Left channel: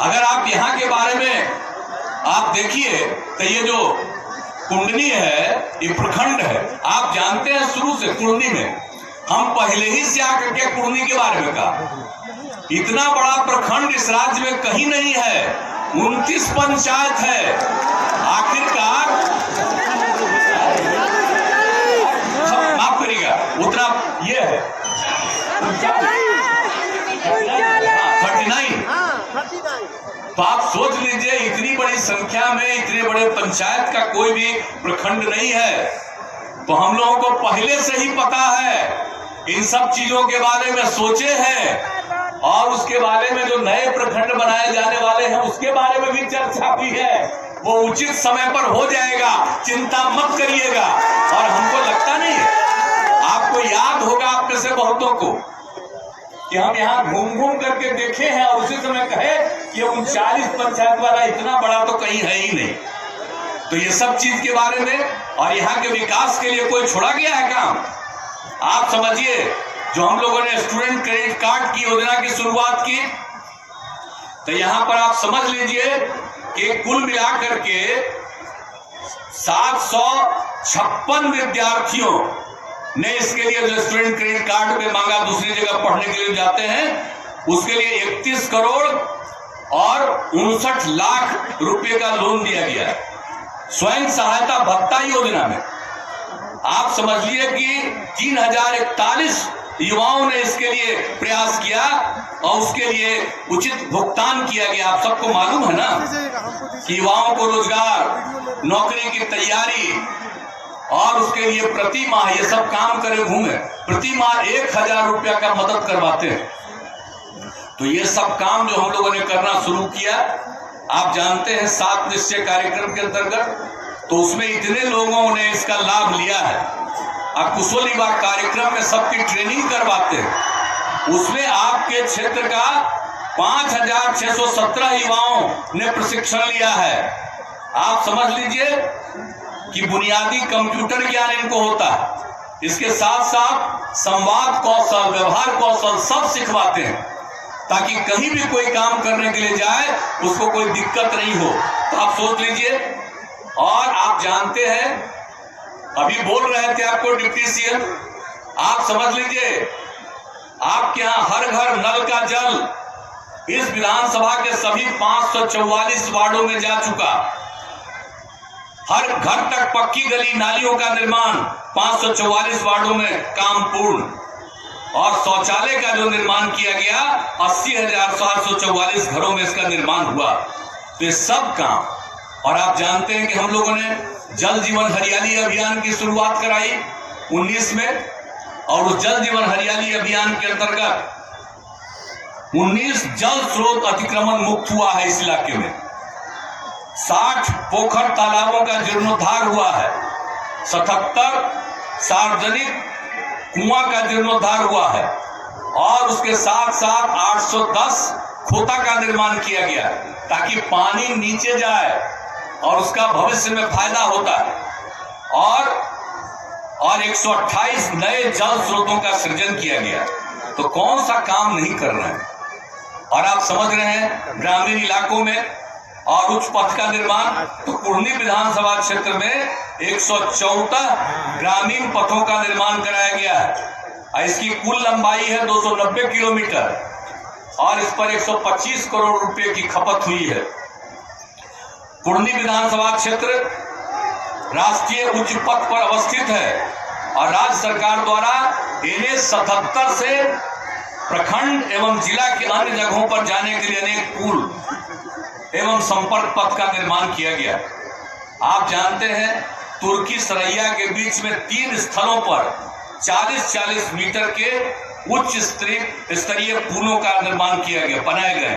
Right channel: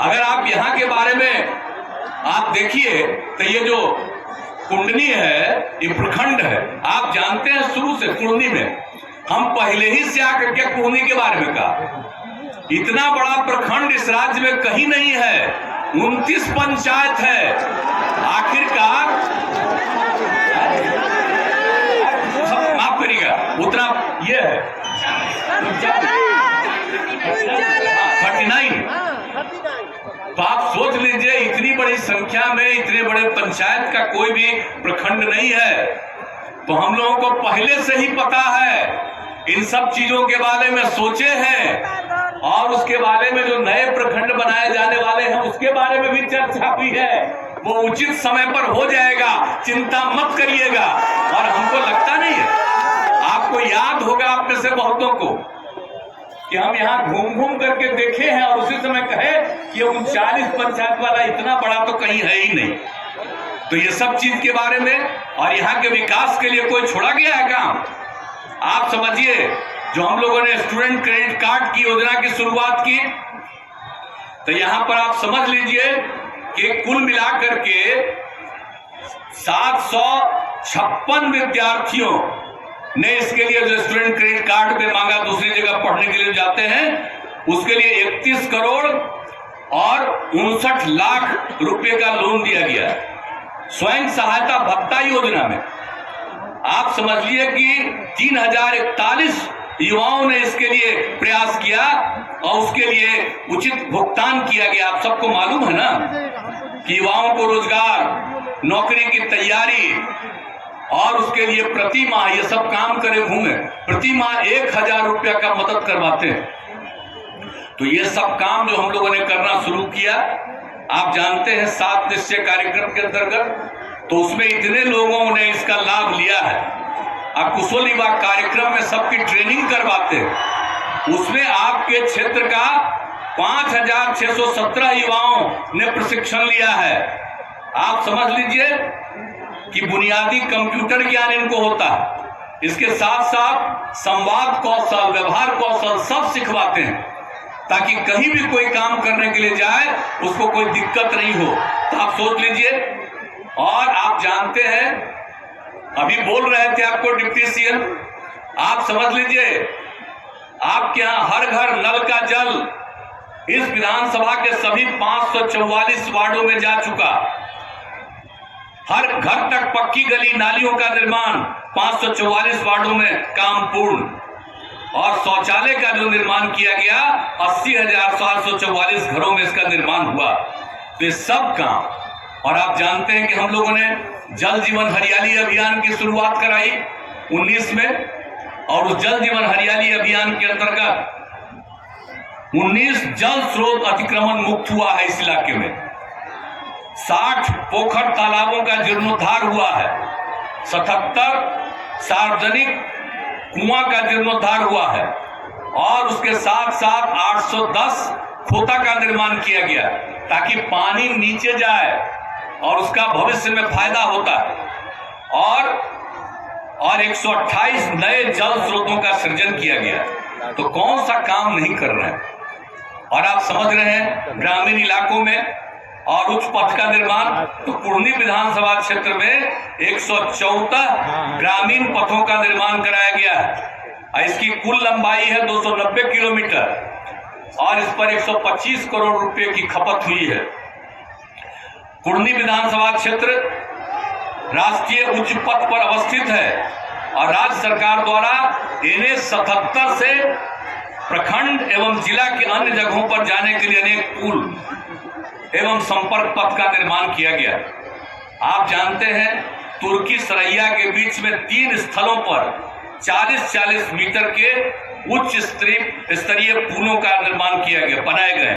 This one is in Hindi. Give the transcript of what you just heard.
अगर आप यहाँ के बारे में आप देखिए तो ये जो कुंडनी है, ये प्रखंड है। आप जानते हैं शुरू से कुंडनी में हम पहले ही से आकर के कुंडनी के बारे में कहा, इतना बड़ा प्रखंड इस राज्य में कहीं नहीं है। 29 पंचायत है। आखिरकार माफ करिएगा, उतना ये है 39। तो आप सोच लीजिए, इतनी बड़ी संख्या में इतने बड़े पंचायत का कोई भी प्रखंड नहीं है। तो हम लोगों को पहले से ही पता है, इन सब चीजों के बारे में सोचे हैं, और उसके बारे में जो नए प्रखंड बनाए जाने वाले हैं उसके बारे में भी चर्चा हुई है। वो उचित समय पर हो जाएगा, चिंता मत करिएगा। और हमको लगता नहीं है, आपको याद होगा आप में से बहुतों को कि हम यहाँ घूम घूम करके देखे हैं और उसी समय कहे कि 39 पंचायत वाला इतना बड़ा तो कहीं है ही नहीं। तो ये सब चीज के बारे में और यहाँ के विकास के लिए कोई छोड़ा गया है काम? आप समझिए, जो हम लोगों ने स्टूडेंट क्रेडिट कार्ड की योजना की शुरुआत की, तो यहाँ पर आप समझ लीजिए कि कुल मिलाकर के 756 विद्यार्थियों ने इसके लिए जो स्टूडेंट क्रेडिट कार्ड पे मांगा, दूसरी जगह पढ़ने के लिए जाते हैं, उसके लिए 31 करोड़ और 59 लाख रुपए का लोन दिया गया। स्वयं सहायता भत्ता योजना में आप समझिए कि 3041 युवाओं ने इसके लिए प्रयास किया और उसके लिए उचित भुगतान किया गया। आप सबको मालूम है ना कि युवाओं को रोजगार, नौकरी की तैयारी और उसके लिए प्रति माह ये सब काम करे घूमे, प्रति माह 1000 रुपया का मदद करवाते हैं। तो ये सब काम जो हम लोगों ने करना शुरू किया, आप जानते हैं 7 निश्चय कार्यक्रम के अंतर्गत, तो उसमें इतने लोगों ने इसका लाभ लिया है। और कुशल युवा कार्यक्रम में सबकी ट्रेनिंग करवाते हैं, उसमें आपके क्षेत्र का 5617 युवाओं ने प्रशिक्षण लिया है। आप समझ लीजिए कि बुनियादी कंप्यूटर ज्ञान इनको होता है, इसके साथ साथ संवाद कौशल, व्यवहार कौशल सब सिखवाते हैं, ताकि कहीं भी कोई काम करने के लिए जाए उसको कोई दिक्कत नहीं हो। तो आप सोच लीजिए। और आप जानते हैं, अभी बोल रहे थे आपको डिप्टी सीएम, आप समझ लीजिए आपके यहाँ हर घर नल का जल इस विधानसभा के सभी 544 वार्डों में जा चुका। हर घर तक पक्की गली नालियों का निर्माण 544 वार्डों में काम पूर्ण, और शौचालय का जो निर्माण किया गया 80,744 घरों में इसका निर्माण हुआ। तो ये सब काम। और आप जानते हैं कि हम लोगों ने जल जीवन हरियाली अभियान की शुरुआत कराई 19 में, और उस जल जीवन हरियाली अभियान के अंतर्गत 19 जल स्रोत अतिक्रमण मुक्त हुआ है इस इलाके में। 60 पोखर तालाबों का जीर्णोद्धार हुआ है। 77 सार्वजनिक कुआं का जीर्णोद्धार हुआ है, और उसके साथ साथ 810 खोता का निर्माण किया गया, ताकि पानी नीचे जाए और उसका भविष्य में फायदा होता है। और 128 नए जल स्रोतों का सृजन किया गया। तो कौन सा काम नहीं कर रहे हैं? और आप समझ रहे हैं, ग्रामीण इलाकों में और उच्च पथ का निर्माण, तो कुर्नी विधानसभा क्षेत्र में 114 ग्रामीण पथों का निर्माण कराया गया है। इसकी कुल लंबाई है 290 किलोमीटर, और इस पर 125 करोड़ रुपए की खपत हुई है। कुर्नी विधानसभा क्षेत्र राष्ट्रीय उच्च पथ पर अवस्थित है, और राज्य सरकार द्वारा NH 77 से प्रखंड एवं जिला के अन्य जगहों पर जाने के लिए अनेक पुल एवं संपर्क पथ का निर्माण किया गया। आप जानते हैं, तुर्की सरैया के बीच में 3 स्थलों पर 40-40 मीटर के उच्च स्तरीय पुलों का निर्माण किया गया, बनाए गए।